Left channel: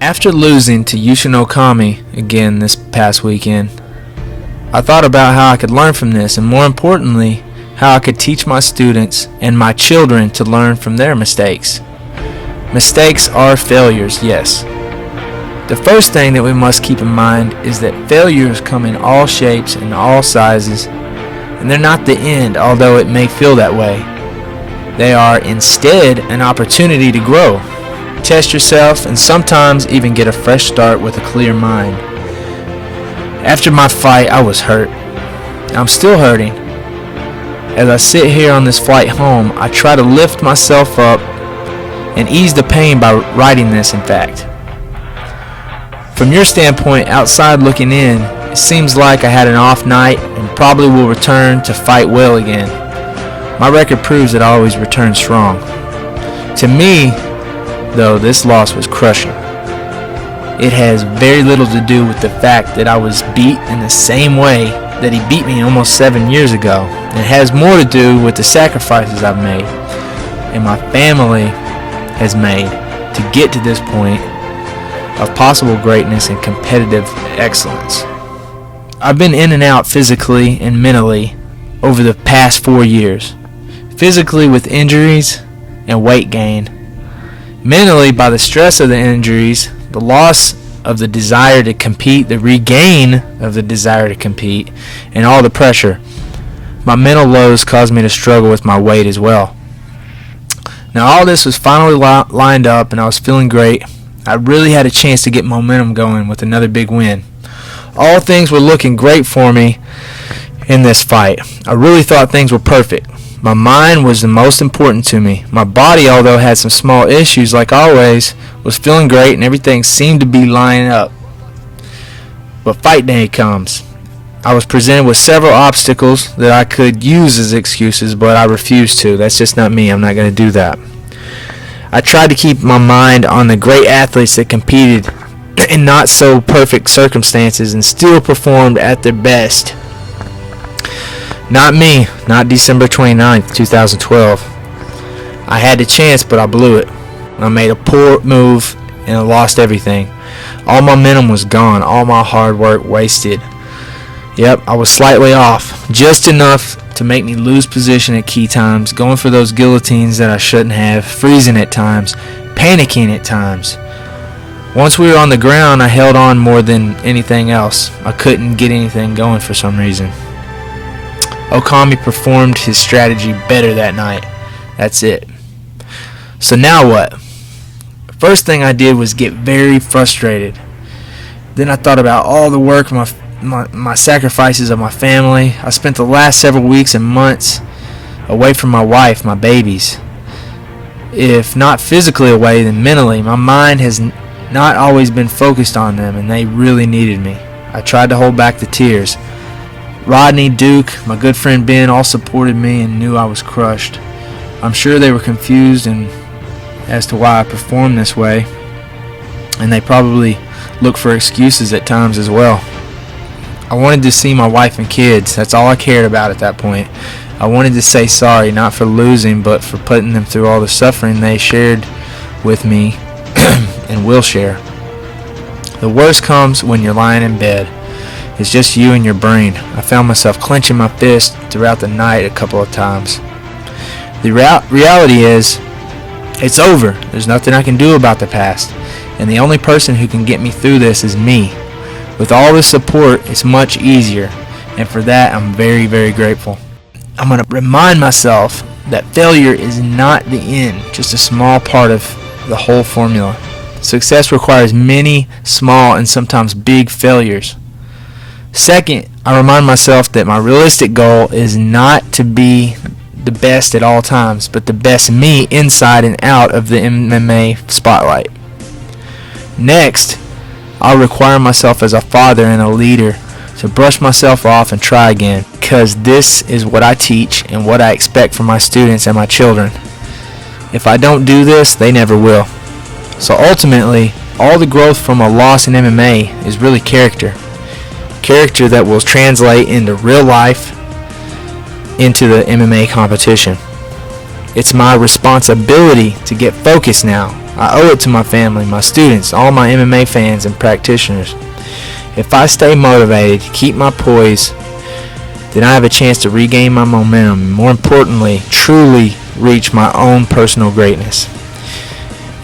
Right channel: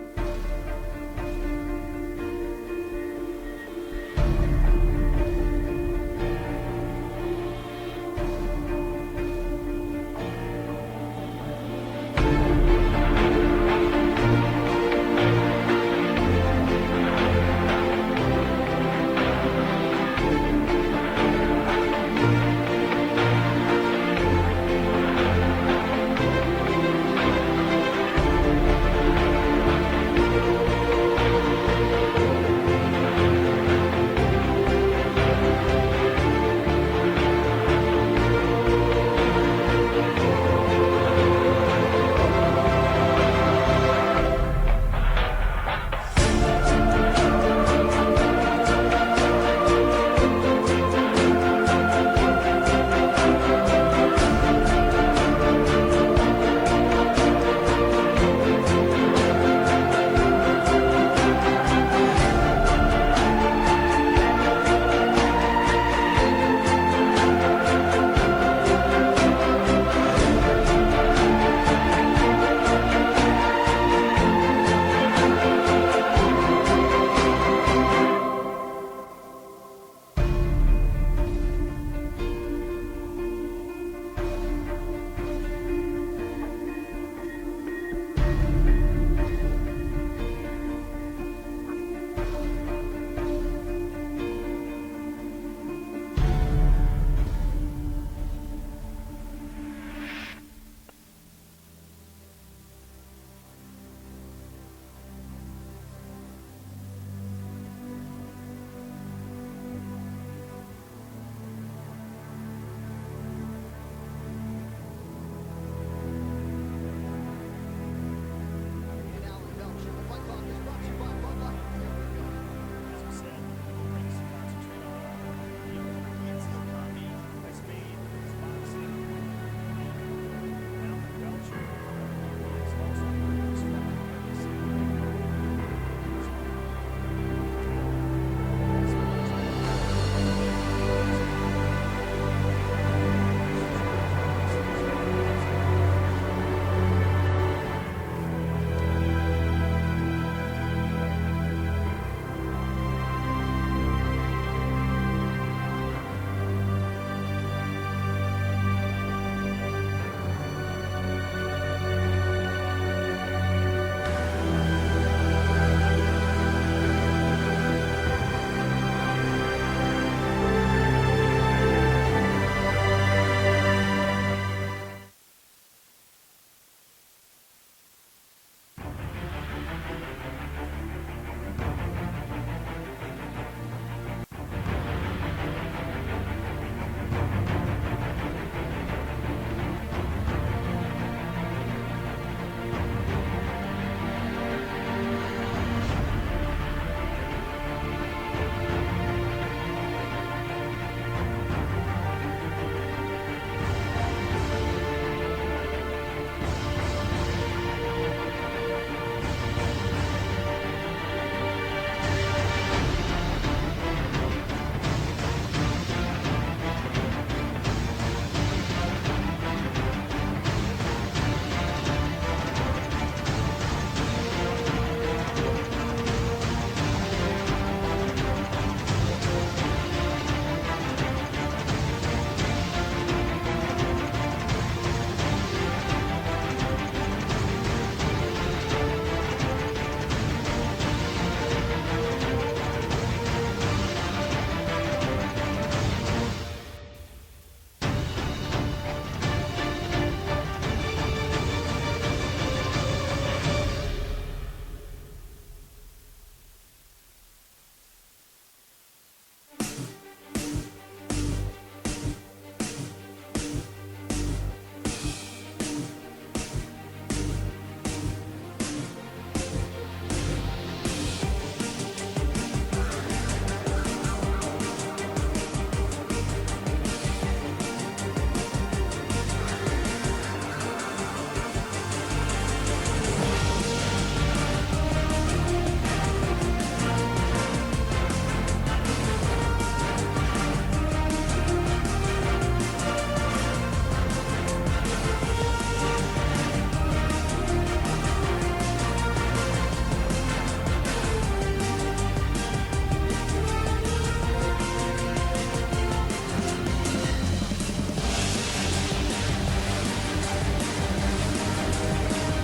After losing to Yushin Okami again this past weekend, I thought about how I could learn from this, and more importantly, how I could teach my students and my children to learn from their mistakes. Mistakes are failures, yes. The first thing that we must keep in mind is that failures come in all shapes and all sizes, and they're not the end, although it may feel that way. They are instead an opportunity to grow, test yourself, and sometimes even get a fresh start with a clear mind. After my fight, I was hurt. I'm still hurting. As I sit here on this flight home, I try to lift myself up and ease the pain by writing this, in fact. From your standpoint, outside looking in, it seems like I had an off night and probably will return to fight well again. My record proves that I always return strong. To me, though, this loss was crushing. It has very little to do with the fact that I was beat in the same way that he beat me almost 7 years ago. It has more to do with the sacrifices I've made and my family has made to get to this point of possible greatness and competitive excellence. I've been in and out physically and mentally over the past 4 years. Physically with injuries and weight gain. Mentally by the stress of the injuries, the loss of the desire to compete, the regain of the desire to compete, and all the pressure. My mental lows caused me to struggle with my weight as well. Now all this was finally lined up and I was feeling great. I really had a chance to get momentum going with another big win. All things were looking great for me in this fight. I really thought things were perfect. My mind was the most important to me. My body, although had some small issues like always, was feeling great and everything seemed to be lining up. But fight day comes. I was presented with several obstacles that I could use as excuses, but I refused to. That's just not me. I'm not going to do that. I tried to keep my mind on the great athletes that competed in not so perfect circumstances and still performed at their best. Not me, not December 29th, 2012. I had the chance, but I blew it. I made a poor move and I lost everything. All my momentum was gone, all my hard work wasted. Yep, I was slightly off, just enough to make me lose position at key times, going for those guillotines that I shouldn't have, freezing at times, panicking at times. Once we were on the ground, I held on more than anything else. I couldn't get anything going for some reason. Okami performed his strategy better that night. That's it. So now what? First thing I did was get very frustrated. Then I thought about all the work, my sacrifices of my family. I spent the last several weeks and months away from my wife, my babies. If not physically away, then mentally. My mind has not always been focused on them, and they really needed me. I tried to hold back the tears. Rodney, Duke, my good friend Ben all supported me and knew I was crushed. I'm sure they were confused as to why I performed this way, and they probably look for excuses at times as well. I wanted to see my wife and kids. That's all I cared about at that point. I wanted to say sorry, not for losing, but for putting them through all the suffering they shared with me and will share. The worst comes when you're lying in bed. It's just you and your brain. I found myself clenching my fist throughout the night a couple of times. The reality is, it's over. There's nothing I can do about the past. And the only person who can get me through this is me. With all the support, it's much easier. And for that, I'm very, very grateful. I'm going to remind myself that failure is not the end, just a small part of the whole formula. Success requires many small and sometimes big failures. Second, I remind myself that my realistic goal is not to be the best at all times, but the best me inside and out of the MMA spotlight. Next, I'll require myself as a father and a leader to brush myself off and try again, because this is what I teach and what I expect from my students and my children. If I don't do this, they never will. So ultimately, all the growth from a loss in MMA is really character. Character that will translate into real life, into the MMA competition. It's my responsibility to get focused now. I owe it to my family, my students, all my MMA fans and practitioners. If I stay motivated, keep my poise, then I have a chance to regain my momentum and, more importantly, truly reach my own personal greatness.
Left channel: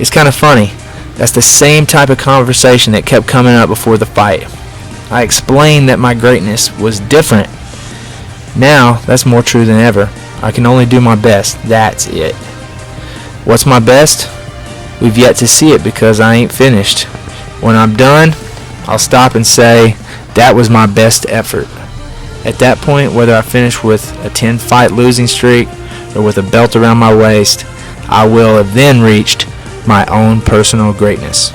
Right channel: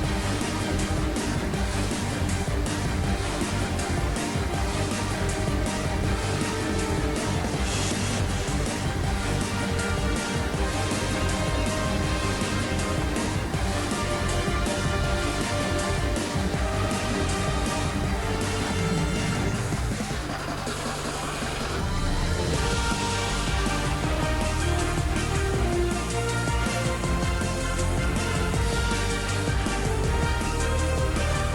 It's kind of funny. That's the same type of conversation that kept coming up before the fight. I explained that my greatness was different. Now, that's more true than ever. I can only do my best. That's it. What's my best? We've yet to see it because I ain't finished. When I'm done, I'll stop and say, that was my best effort. At that point, whether I finish with a 10-fight losing streak or with a belt around my waist, I will have then reached my own personal greatness.